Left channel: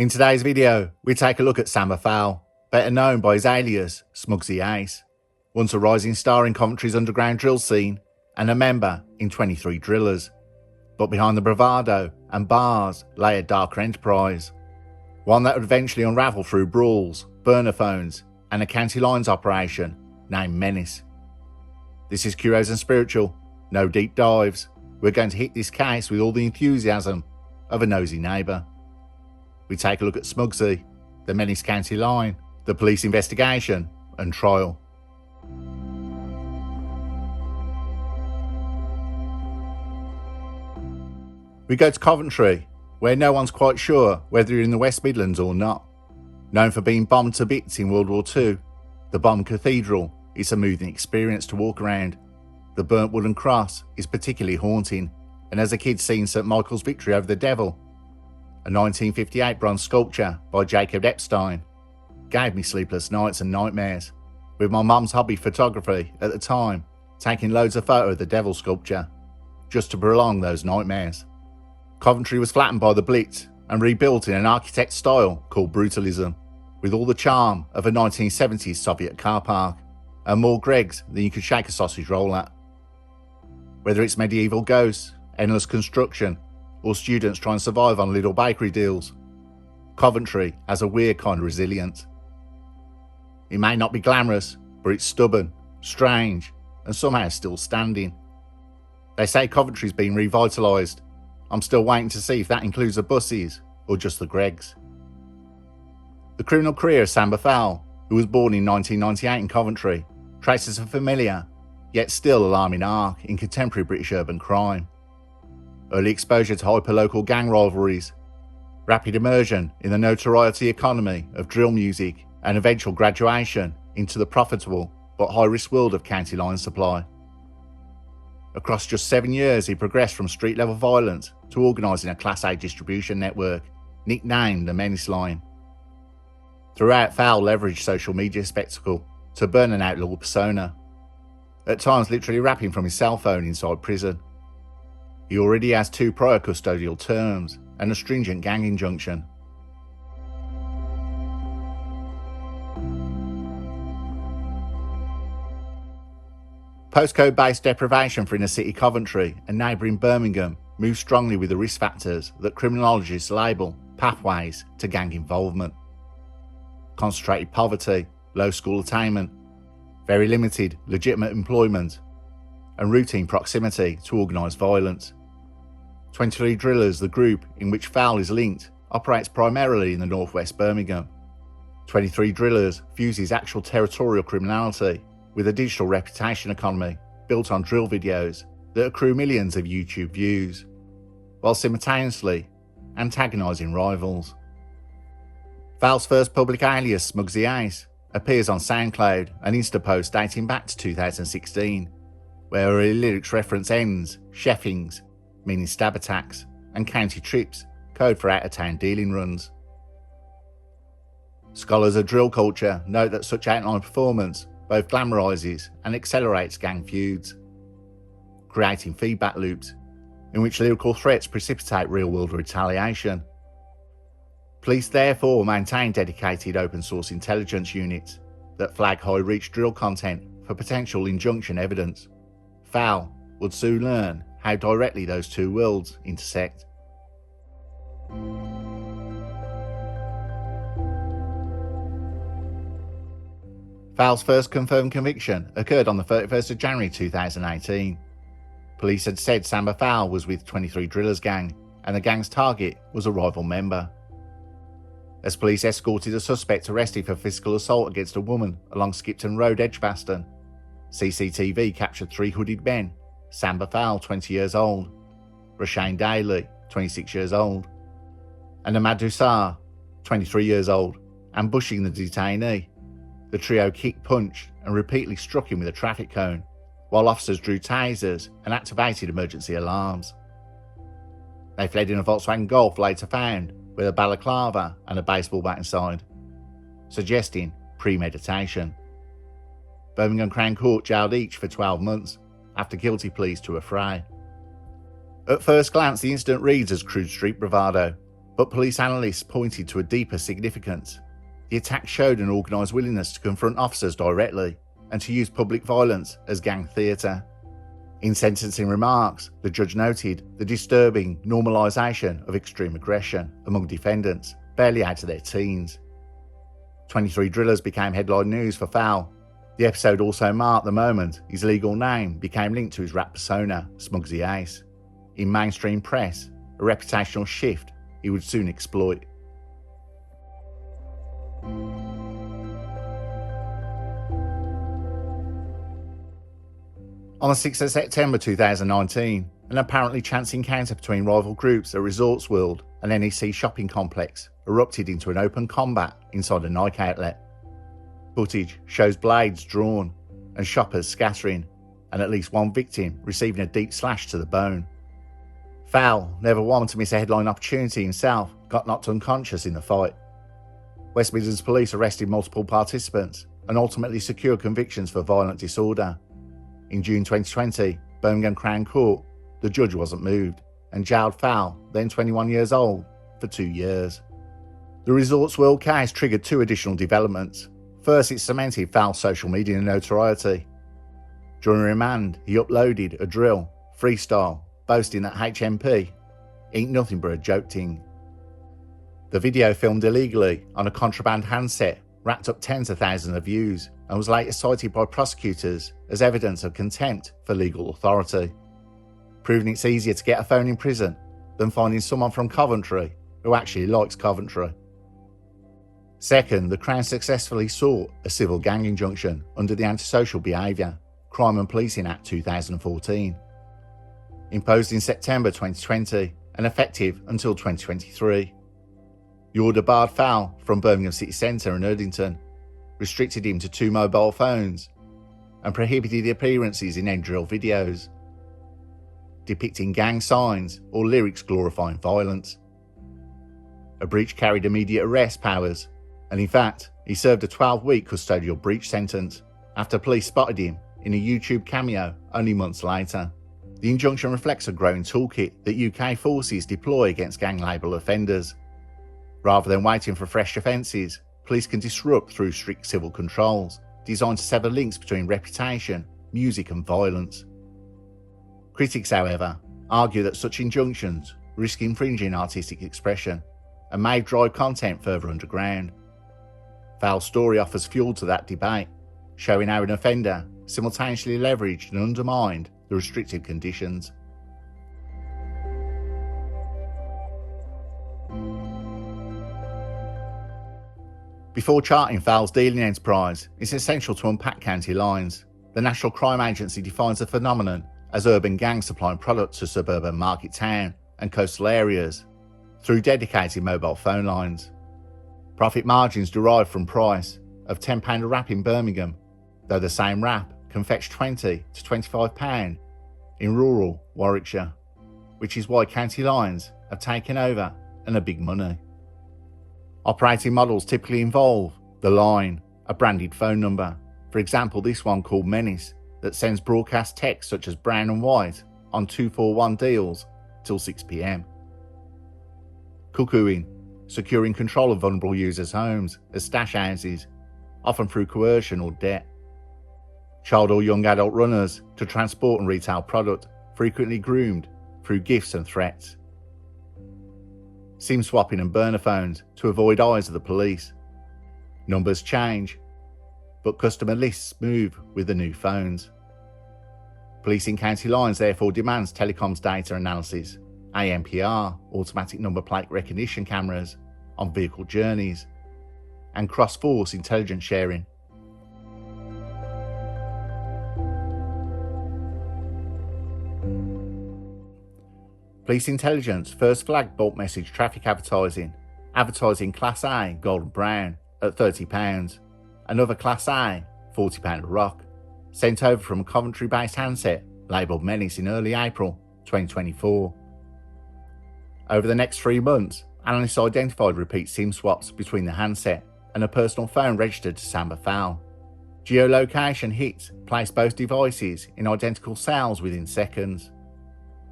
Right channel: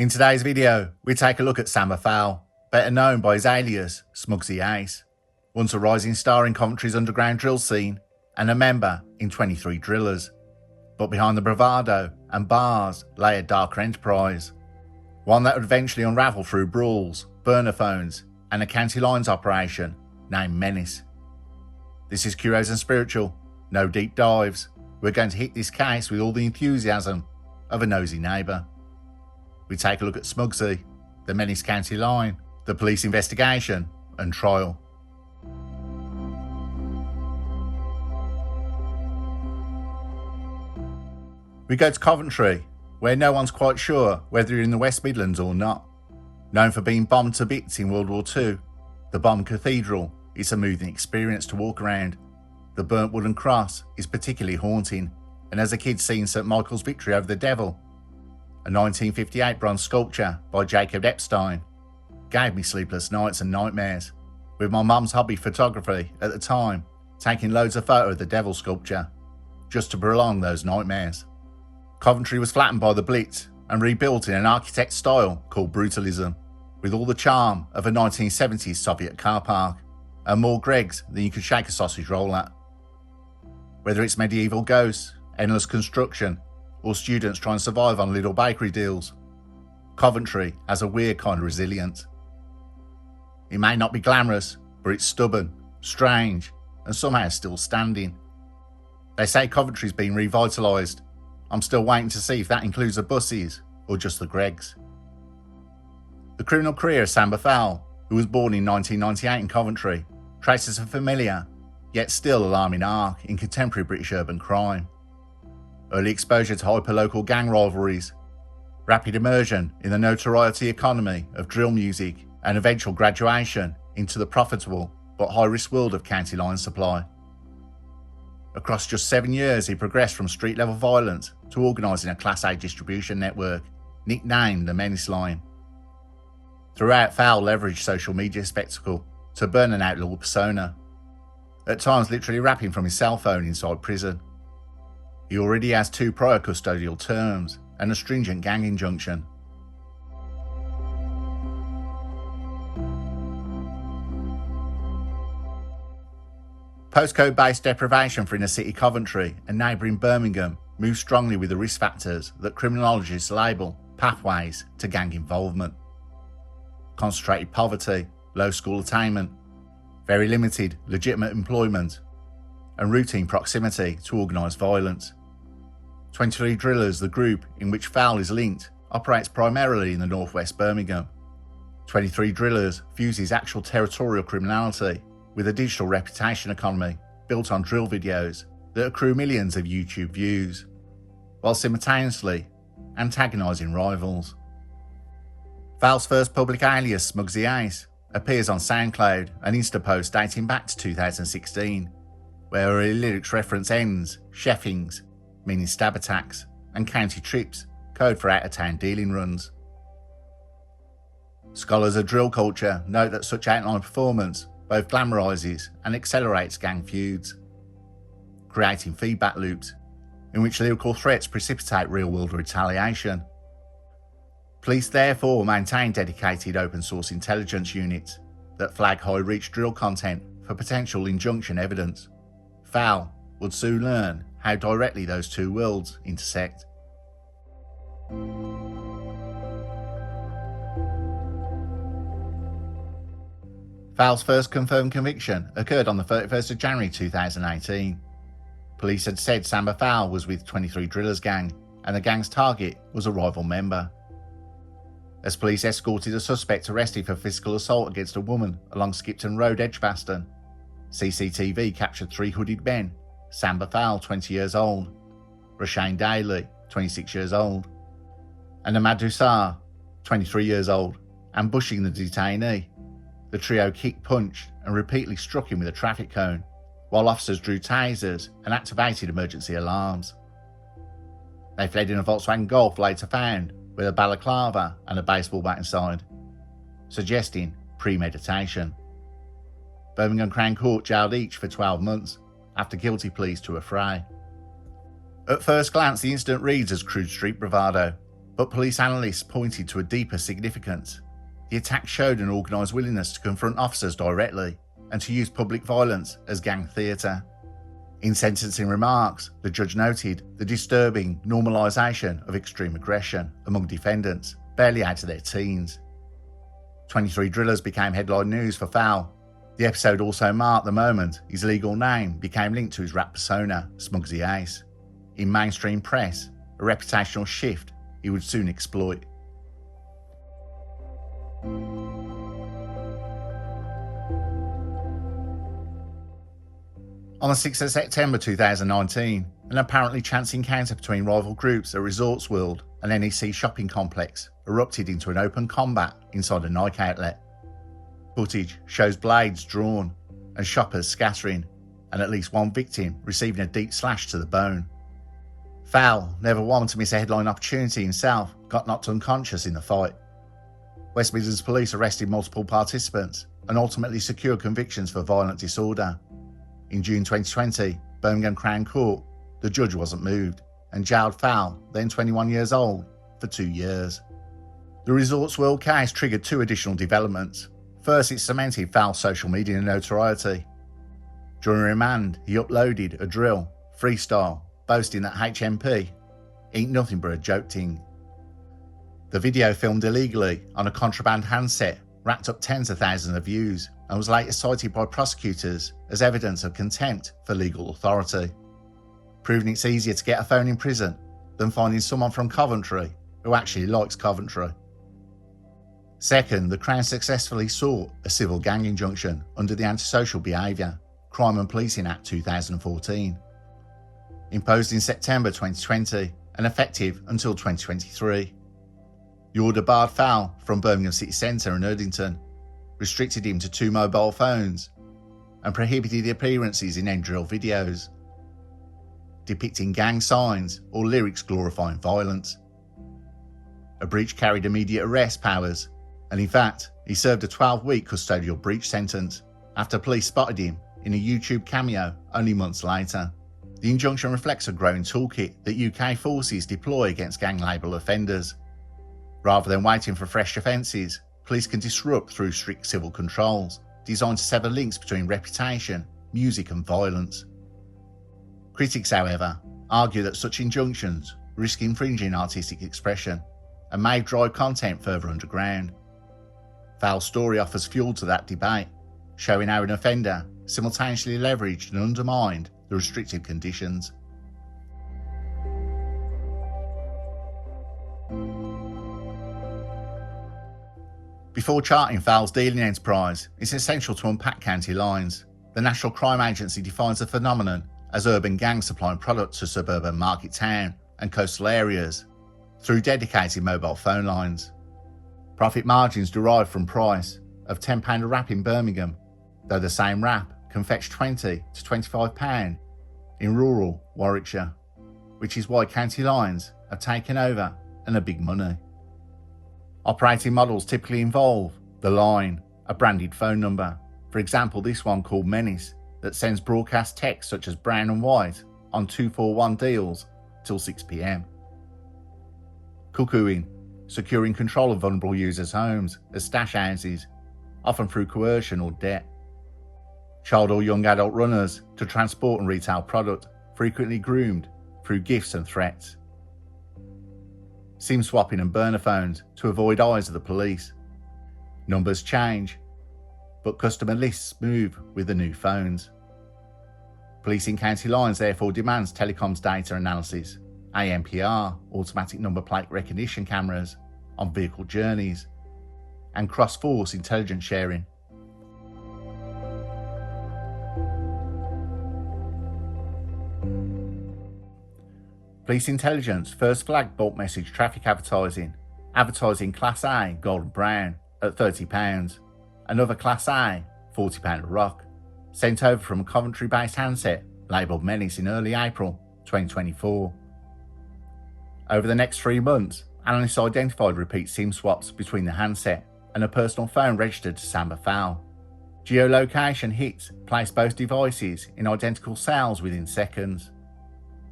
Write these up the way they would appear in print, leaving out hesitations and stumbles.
In today's video, we take a look at Samba Fowl, better known by his alias, Smuggzy Ace, once a rising star in Coventry's underground drill scene and a member in 23 Drillas. But behind the bravado and bars lay a darker enterprise, one that would eventually unravel through brawls, burner phones and a county lines operation named Menace. This is Curios&Spiritual, no deep dives. We're going to hit this case with all the enthusiasm of a nosy neighbour. We take a look at Smuggzy, the Menace County line, the police investigation and trial. We go to Coventry, where no one's quite sure whether you're in the West Midlands or not. Known for being bombed to bits in World War II, the bombed cathedral is a moving experience to walk around. The burnt wooden cross is particularly haunting, and as a kid seen St Michael's victory over the devil, a 1958 bronze sculpture by Jacob Epstein, gave me sleepless nights and nightmares, with my mum's hobby photography at the time taking loads of photos of the devil sculpture, just to prolong those nightmares. Coventry was flattened by the Blitz and rebuilt in an architect style called brutalism, with all the charm of a 1970s Soviet car park, and more Greggs than you could shake a sausage roll at. Whether it's medieval ghosts, endless construction, or students trying to survive on little bakery deals, Coventry has a weird kind of resilience. It may not be glamorous, but it's stubborn, strange, and somehow still standing. They say Coventry's been revitalised. I'm still waiting to see if that includes the buses or just the Greggs. The criminal career of Samba Fowl, who was born in 1998 in Coventry, traces a familiar, yet still alarming arc in contemporary British urban crime. Early exposure to hyper-local gang rivalries, rapid immersion in the notoriety economy of drill music, and eventual graduation into the profitable but high-risk world of county line supply. Across just 7 years, he progressed from street-level violence to organising a Class A distribution network, nicknamed the Menace Line. Throughout, Fowl leveraged social media spectacle to burn an outlaw persona, at times literally rapping from his cell phone inside prison. He already has 2 prior custodial terms and a stringent gang injunction. Postcode-based deprivation for inner city Coventry and neighbouring Birmingham moves strongly with the risk factors that criminologists label pathways to gang involvement. Concentrated poverty, low school attainment, very limited legitimate employment, and routine proximity to organised violence. 23 Drillas, the group in which Fowl is linked, operates primarily in the northwest Birmingham. 23 Drillas fuses actual territorial criminality with a digital reputation economy built on drill videos that accrue millions of YouTube views, while simultaneously antagonising rivals. Fowl's first public alias, Smuggzy Ace, appears on SoundCloud and Insta posts dating back to 2016, where her lyrics reference ends, chefings, meaning stab attacks, and county trips, code for out-of-town dealing runs. Scholars of drill culture note that such outline performance both glamorises and accelerates gang feuds, creating feedback loops in which lyrical threats precipitate real-world retaliation. Police therefore maintain dedicated open-source intelligence units that flag high-reach drill content for potential injunction evidence. Fowl would soon learn how directly those two worlds intersect. Fowl's first confirmed conviction occurred on the 31st of January 2018. Police had said Samba Fowl was with 23 Drillas gang, and the gang's target was a rival member. As police escorted a suspect arrested for physical assault against a woman along Skipton Road, Edgbaston, CCTV captured 3 hooded men: Samba Fowl, 20 years old, Rashane Daly, 26 years old, and Ahmad Dusar, 23 years old, ambushing the detainee. The trio kicked, punched, and repeatedly struck him with a traffic cone, while officers drew tasers and activated emergency alarms. They fled in a Volkswagen Golf later found with a balaclava and a baseball bat inside, suggesting premeditation. Birmingham Crown Court jailed each for 12 months after guilty pleas to a fray. At first glance, the incident reads as crude street bravado, But police analysts pointed to a deeper significance. The attack showed an organised willingness to confront officers directly and to use public violence as gang theatre. In sentencing remarks, the judge noted the disturbing normalisation of extreme aggression among defendants barely out of their teens. 23 Drillas became headline news for Fowl. The episode also marked the moment his legal name became linked to his rap persona, Smuggzy Ace. In mainstream press, a reputational shift he would soon exploit. On the 6th of September 2019, an apparently chance encounter between rival groups at Resorts World and NEC shopping complex erupted into an open combat inside a Nike outlet. Footage shows blades drawn and shoppers scattering, and at least one victim receiving a deep slash to the bone. Fowl, never one to miss a headline opportunity himself, got knocked unconscious in the fight. West Midlands police arrested multiple participants and ultimately secured convictions for violent disorder. In June 2020, Birmingham Crown Court, the judge wasn't moved and jailed Fowl, then 21 years old, for 2 years. The Resorts World case triggered 2 additional developments. First, it cemented Fowl's social media notoriety. During remand, he uploaded a drill, freestyle, boasting that HMP ain't nothing but a joke ting. The video, filmed illegally on a contraband handset, racked up tens of thousands of views and was later cited by prosecutors as evidence of contempt for legal authority, proving it's easier to get a phone in prison than finding someone from Coventry who actually likes Coventry. Second, the Crown successfully sought a civil gang injunction under the Antisocial Behaviour, Crime and Policing Act 2014, imposed in September 2020 and effective until 2023. The order barred Fowl from Birmingham City Centre and Erdington, restricted him to 2 mobile phones, and prohibited appearances in end drill videos depicting gang signs or lyrics glorifying violence. A breach carried immediate arrest powers, and in fact, he served a 12-week custodial breach sentence after police spotted him in a YouTube cameo only months later. The injunction reflects a growing toolkit that UK forces deploy against gang-labelled offenders. Rather than waiting for fresh offences, police can disrupt through strict civil controls, designed to sever links between reputation, music and violence. Critics, however, argue that such injunctions risk infringing artistic expression and may drive content further underground. Fowl's story offers fuel to that debate, showing how an offender simultaneously leveraged and undermined the restricted conditions. Before charting Fowl's dealing enterprise, it's essential to unpack county lines. The National Crime Agency defines the phenomenon as urban gangs supplying products to suburban market town and coastal areas through dedicated mobile phone lines. Profit margins derive from price of £10 a wrap in Birmingham, though the same wrap can fetch £20 to £25 in rural Warwickshire, which is why county lines have taken over and are big money. Operating models typically involve the line, a branded phone number, for example this one called Menace, that sends broadcast text such as brown and white on 241 deals till 6 p.m. Cuckooing, securing control of vulnerable users' homes as stash houses, often through coercion or debt. Child or young adult runners to transport and retail product, frequently groomed through gifts and threats. SIM swapping and burner phones to avoid eyes of the police. Numbers change, but customer lists move with the new phones. Policing county lines therefore demands telecoms data analysis, ANPR, automatic number plate recognition cameras, on vehicle journeys, and cross-force intelligence sharing. Police intelligence first flagged bulk message traffic advertising Class A gold and brown at £30, another Class A £40 a rock, sent over from a Coventry-based handset labelled Menace in early April 2024. Over the next 3 months, analysts identified repeat SIM swaps between the handset and a personal phone registered to Samba Fowl. Geolocation hits placed both devices in identical cells within seconds.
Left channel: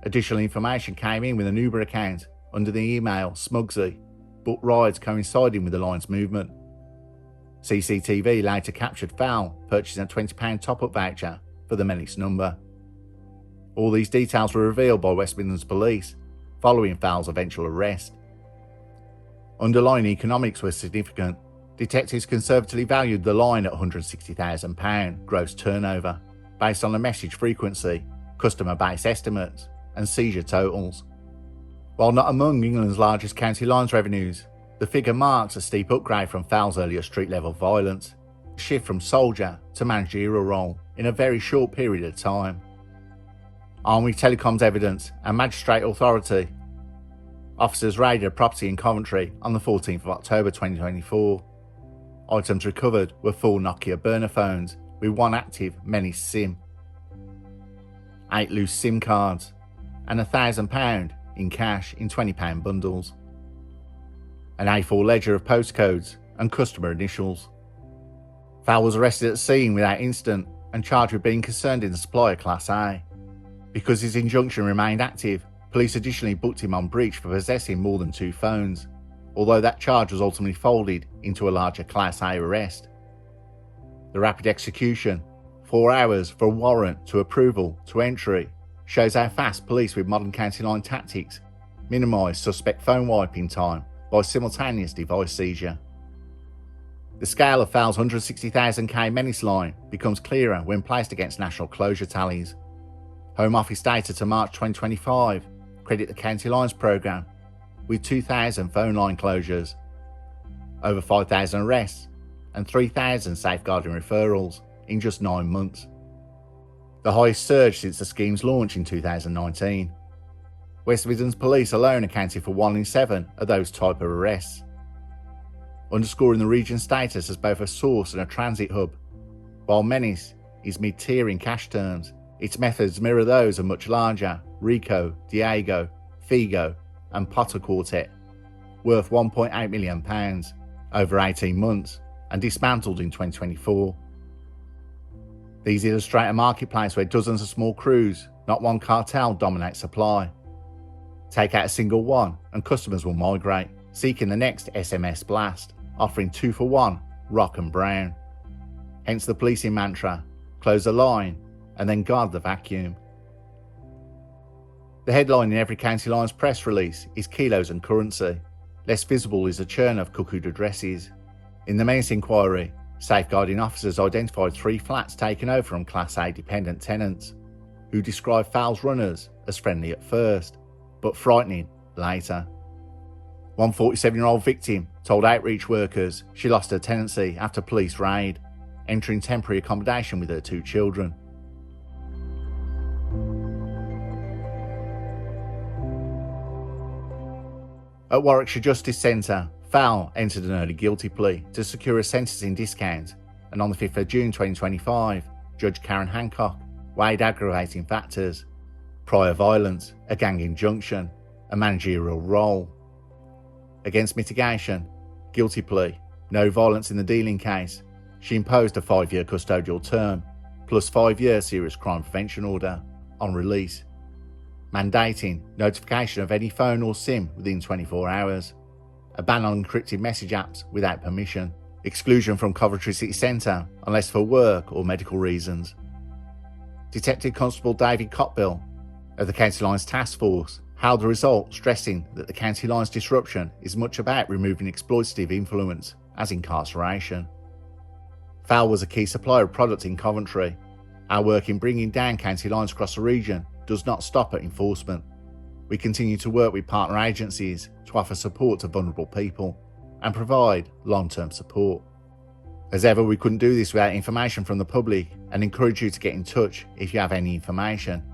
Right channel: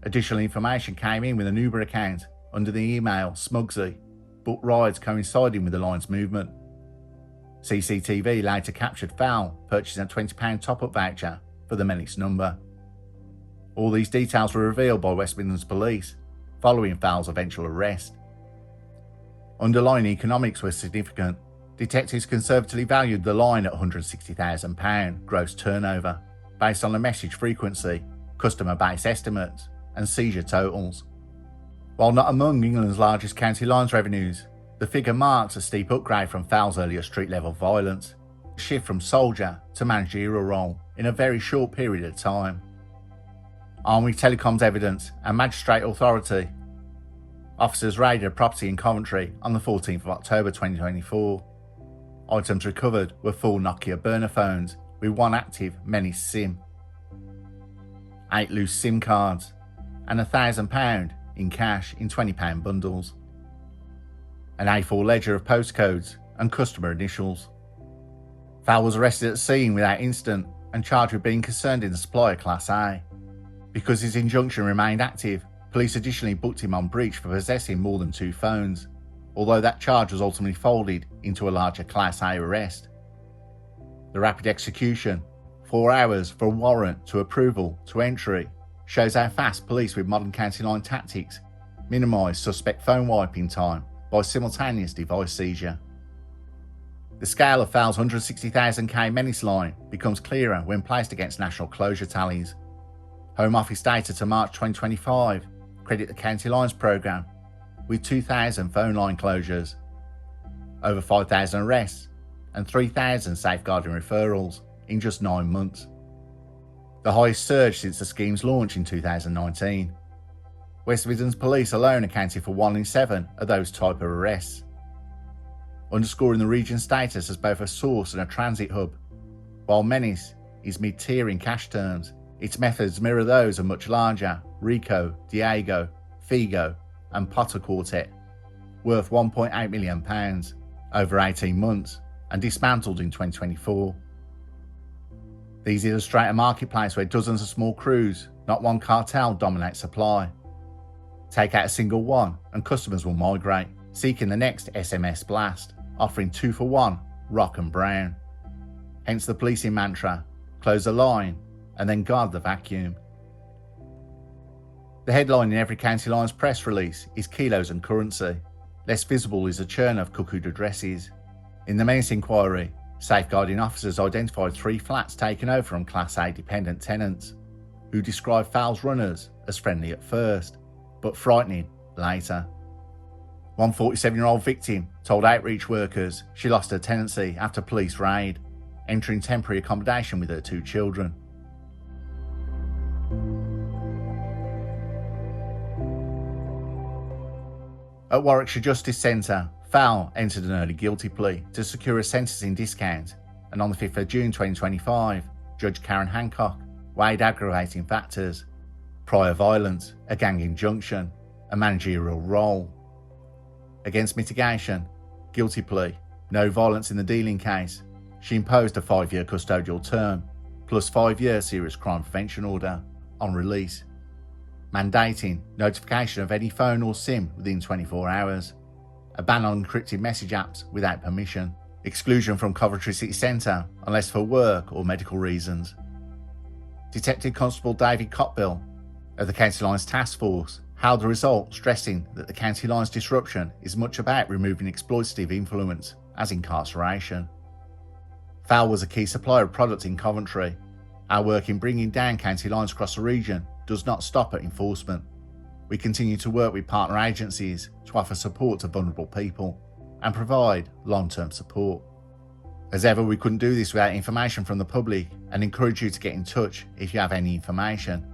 Additional information came in with an Uber account under the email Smuggzy booked rides coinciding with the line's movement. CCTV later captured Fowl purchasing a £20 top-up voucher for the Menace number. All these details were revealed by West Midlands Police following Fowl's eventual arrest. Underlying economics were significant. Detectives conservatively valued the line at £160,000 gross turnover based on the message frequency, customer base estimates and seizure totals. While not among England's largest county lines revenues, the figure marks a steep upgrade from Fowl's earlier street-level violence, a shift from soldier to managerial role in a very short period of time. Armed with telecoms evidence and magistrate authority, officers raided a property in Coventry on the 14th of October 2024. Items recovered were 4 Nokia burner phones with 1 active Menace SIM, 8 loose SIM cards, and £1,000 in cash in £20 bundles. An A4 ledger of postcodes and customer initials. Fowl was arrested at the scene without incident and charged with being concerned in the supply of Class A. Because his injunction remained active, police additionally booked him on breach for possessing more than 2 phones, although that charge was ultimately folded into a larger Class A arrest. The rapid execution, 4 hours for a warrant to approval to entry, shows how fast police with modern county line tactics minimise suspect phone wiping time by simultaneous device seizure. The scale of Fowl's £160,000 Menace line becomes clearer when placed against national closure tallies. Home Office data to March 2025 credit the County Lines programme with 2,000 phone line closures, over 5,000 arrests and 3,000 safeguarding referrals in just 9 months. The highest surge since the scheme's launch in 2019. West Midlands Police alone accounted for 1 in 7 of those type of arrests, underscoring the region's status as both a source and a transit hub. While Menace is mid-tier in cash terms, its methods mirror those of much larger Rico, Diego, Figo and Potter Quartet, worth £1.8 million over 18 months and dismantled in 2024. These illustrate a marketplace where dozens of small crews, not one cartel, dominate supply. Take out a single one and customers will migrate, seeking the next SMS blast, offering 2 for 1, rock and brown. Hence the policing mantra, close the line and then guard the vacuum. The headline in every County Lines press release is kilos and currency. Less visible is the churn of cuckooed addresses. In the Menace inquiry, safeguarding officers identified 3 flats taken over from Class A dependent tenants, who described Fowl's runners as friendly at first, but frightening later. One 47-year-old victim told outreach workers she lost her tenancy after police raid, entering temporary accommodation with her 2 children. At Warwickshire Justice Centre, Fowl entered an early guilty plea to secure a sentencing discount, and on the 5th of June 2025, Judge Karen Hancock weighed aggravating factors: prior violence, a gang injunction, a managerial role. Against mitigation, guilty plea, no violence in the dealing case, she imposed a 5-year custodial term, plus 5-year serious crime prevention order, on release, mandating notification of any phone or SIM within 24 hours, a ban on encrypted message apps without permission, exclusion from Coventry City Centre unless for work or medical reasons. Detective Constable David Cotbill of the County Lines Task Force hailed the result, stressing that the County Lines disruption is much about removing exploitative influence as incarceration. Fowl was a key supplier of product in Coventry. Our work in bringing down county lines across the region does not stop at enforcement. We continue to work with partner agencies to offer support to vulnerable people and provide long-term support. As ever, we couldn't do this without information from the public and encourage you to get in touch if you have any information.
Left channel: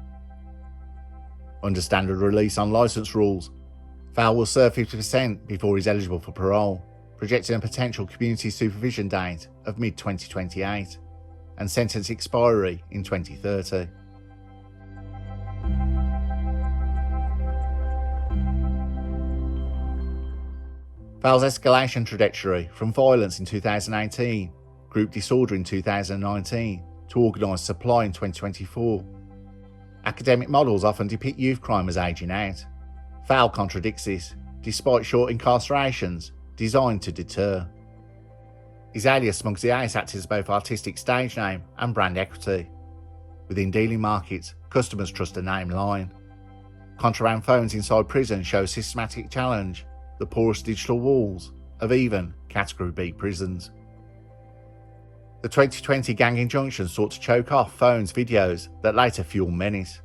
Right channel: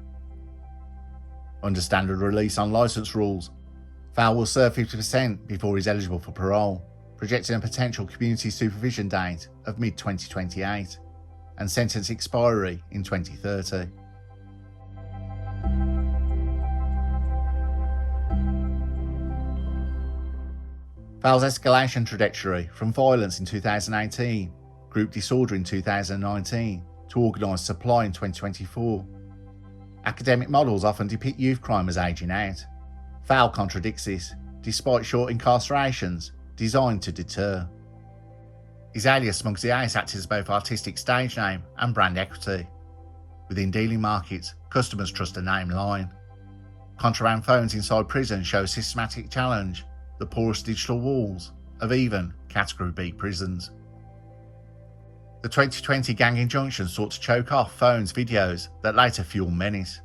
Under standard release on licence rules, Fowl will serve 50% before he's eligible for parole, projecting a potential community supervision date of mid-2028 and sentence expiry in 2030. Fowl's escalation trajectory from violence in 2018, group disorder in 2019 to organised supply in 2024. Academic models often depict youth crime as ageing out. Fowl contradicts this, despite short incarcerations designed to deter. His alias Smuggzy Ace acts as both artistic stage name and brand equity. Within dealing markets, customers trust a name line. Contraband phones inside prison show systematic challenge the porous digital walls of even Category B prisons. The 2020 gang injunction sought to choke off phones videos that later fueled menace.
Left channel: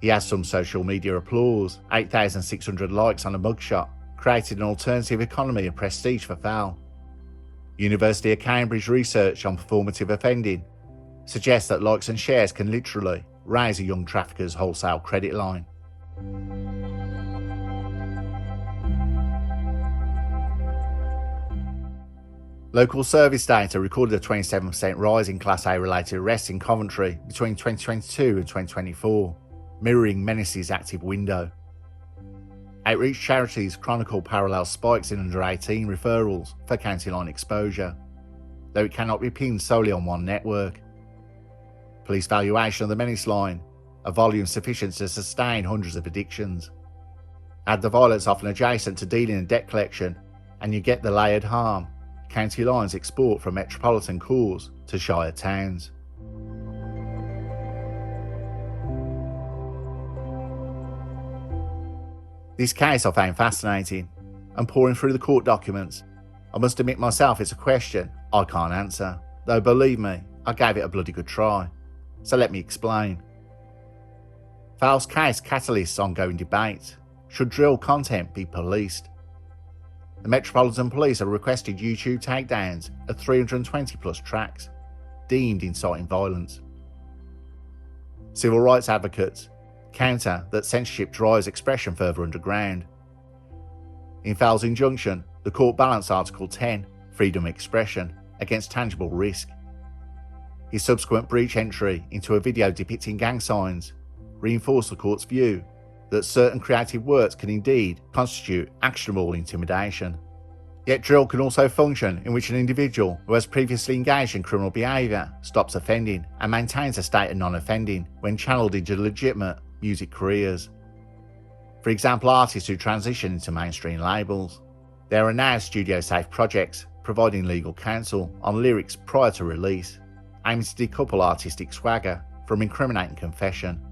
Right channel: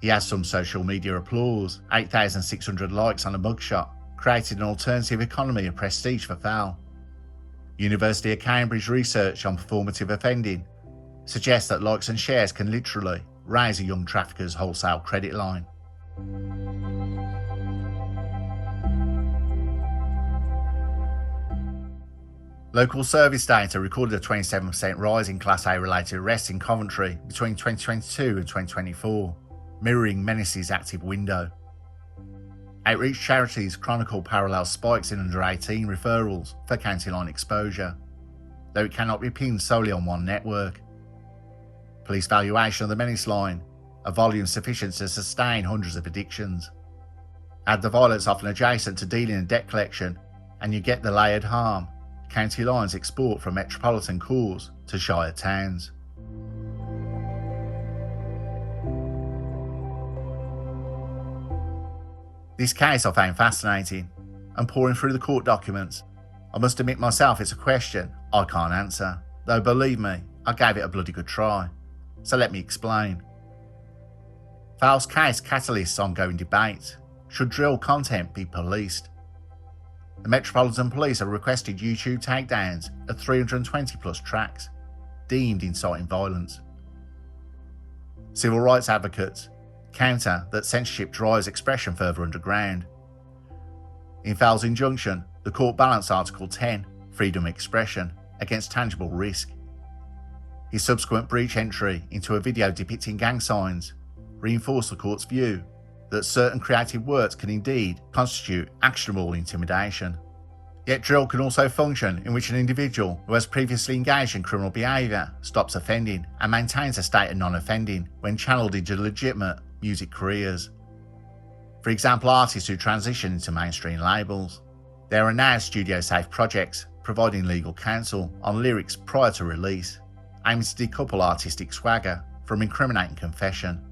He has some social media applause, 8,600 likes on a mugshot, created an alternative economy of prestige for Fowl. University of Cambridge research on performative offending suggests that likes and shares can literally raise a young trafficker's wholesale credit line. Local service data recorded a 27% rise in Class A related arrests in Coventry between 2022 and 2024, mirroring Menace's active window. Outreach charities chronicle parallel spikes in under 18 referrals for county line exposure, though it cannot be pinned solely on one network. Police valuation of the Menace line, a volume sufficient to sustain hundreds of addictions. Add the violence often adjacent to dealing and debt collection, and you get the layered harm county lines export from metropolitan cores to shire towns. This case I found fascinating, and pouring through the court documents, I must admit myself it's a question I can't answer, though believe me, I gave it a bloody good try. So let me explain. Fowl's case catalysts ongoing debate. Should drill content be policed? The Metropolitan Police have requested YouTube takedowns of 320 plus tracks, deemed inciting violence. Civil rights advocates counter that censorship drives expression further underground. In Fowl's injunction, the court balanced Article 10, freedom of expression, against tangible risk. His subsequent breach entry into a video depicting gang signs reinforced the court's view that certain creative works can indeed constitute actionable intimidation. Yet drill can also function in which an individual who has previously engaged in criminal behaviour stops offending and maintains a state of non-offending when channeled into legitimate music careers. For example, artists who transition into mainstream labels. There are now studio-safe projects providing legal counsel on lyrics prior to release, aiming to decouple artistic swagger from incriminating confession.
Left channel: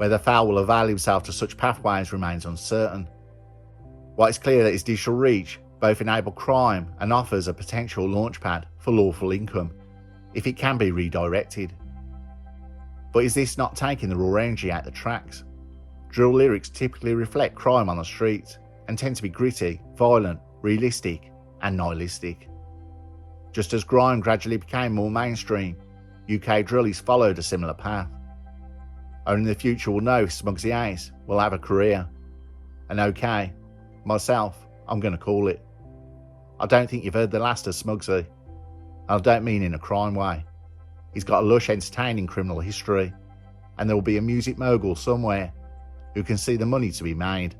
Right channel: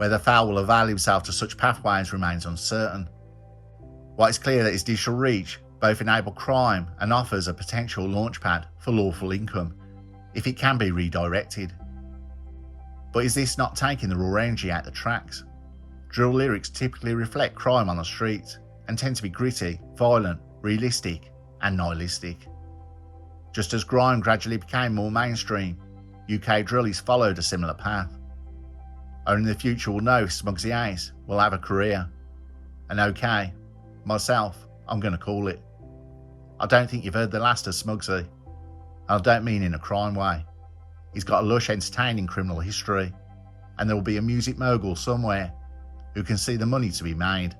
Whether Fowl will avail himself to such pathways remains uncertain. While it's clear that his digital reach both enables crime and offers a potential launchpad for lawful income, if it can be redirected. But is this not taking the raw energy out the tracks? Drill lyrics typically reflect crime on the streets and tend to be gritty, violent, realistic, and nihilistic. Just as grime gradually became more mainstream, UK drillies followed a similar path. Only the future will know if Smuggzy Ace will have a career. And okay, myself, I'm going to call it. I don't think you've heard the last of Smuggzy. And I don't mean in a crime way. He's got a lush, entertaining criminal history, and there will be a music mogul somewhere who can see the money to be made.